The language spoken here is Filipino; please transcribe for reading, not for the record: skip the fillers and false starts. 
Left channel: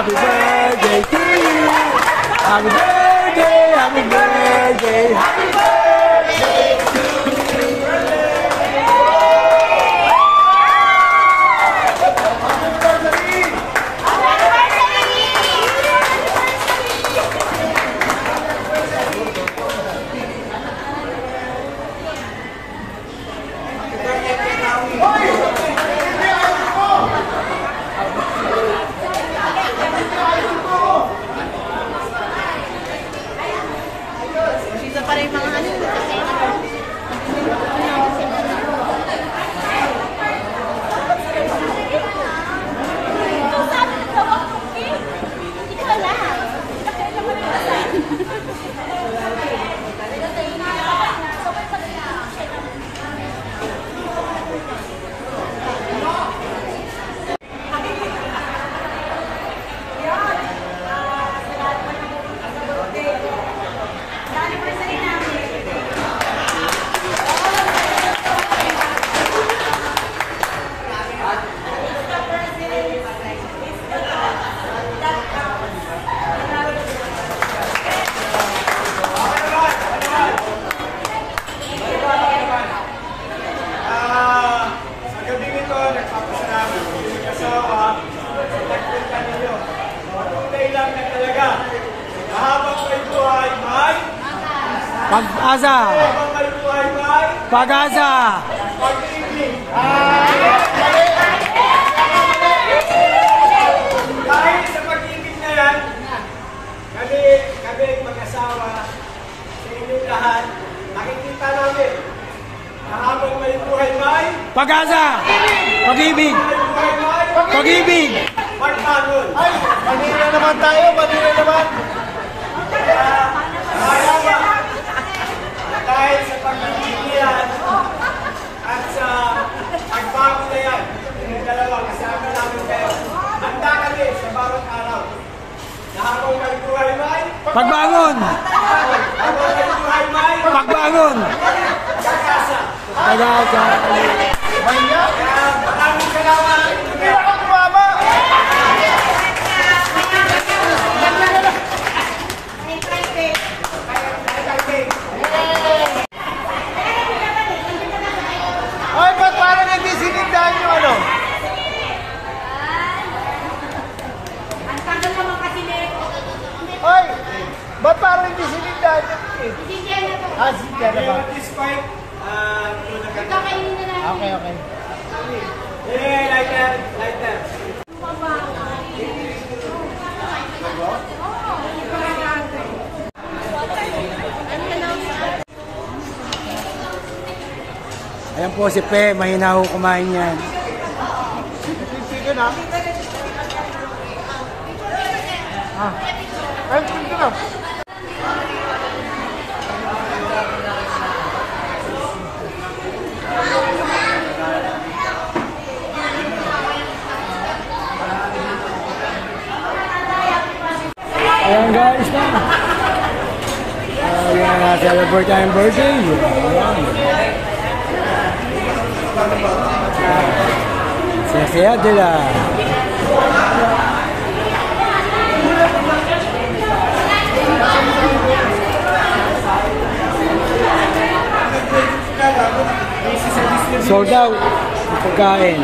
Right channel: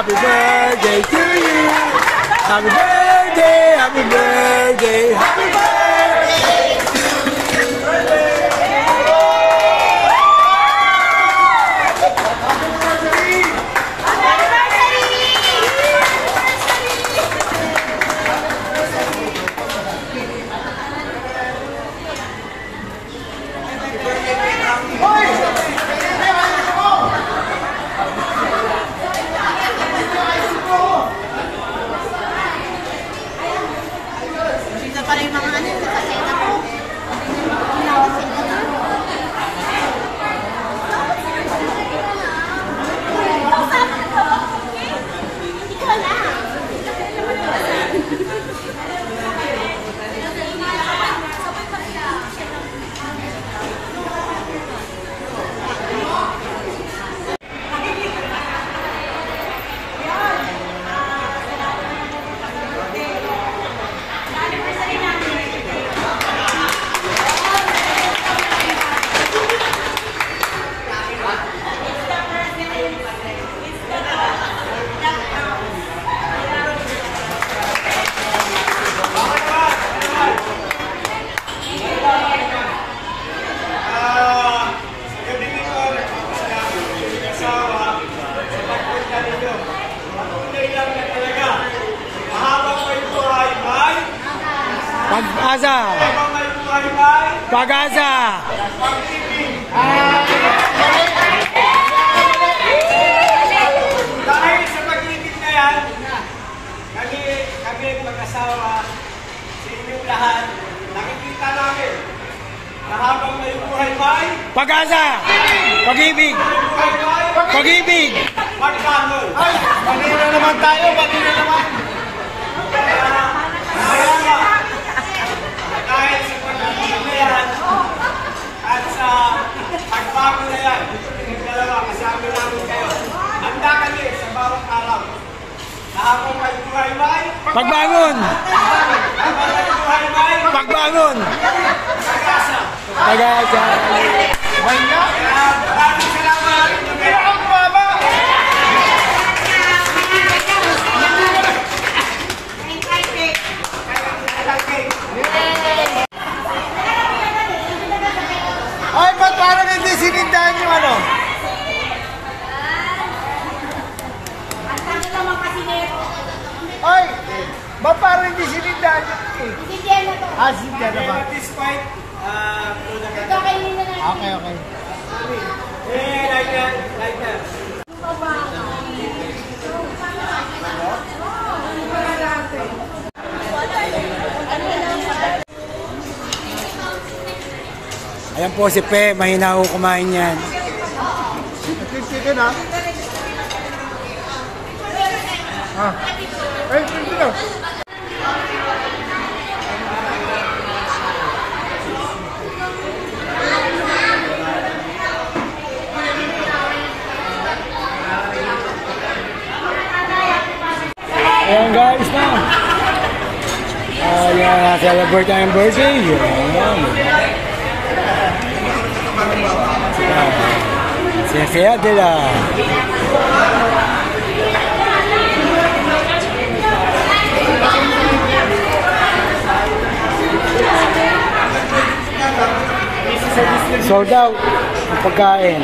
Happy birthday to you. Happy birthday, happy birthday, happy birthday. Para yung mga ano, Pag-asa. Pag-asa. Dahil sa pag-ibig na yan, kami mag-asawa sa inyong lahat, nakikita namin na habang may buhay-buhay, Pag-asa. Pag-ibig. Pag-ibig. pagtanggol. Ay, manira naman tayo, manira naman. Dahil sa pag-ibig na yan, at sa pagbago na yan, yung dalawa, kasama namin kayo. Handa kami sa bawat araw. Na habang may buhay-buhay, Pagbangon. habang may buhay-buhay, Pagbangon. pag-asa. Pag-asa. Mahinga. Maraming salamat. Hindi ako kumama. Ay, ba't parang hindi sinindahan yung ano? ang tagal naman kasi nito. Ay, ba't parang hindi sinindahan yung cake? Hindi dyan na to. Ah, sinda na ba? Despite, Kakainin na natin. Okay, okay. like that, like that. Ayan po si Pe, mahina ho kumain yan. Chicken, ha? Ay, chicken, ha? Ayan guys na. Ayan, celebrate tayong birthday. Ayan. Saya Adela. Sold out ang pagkain.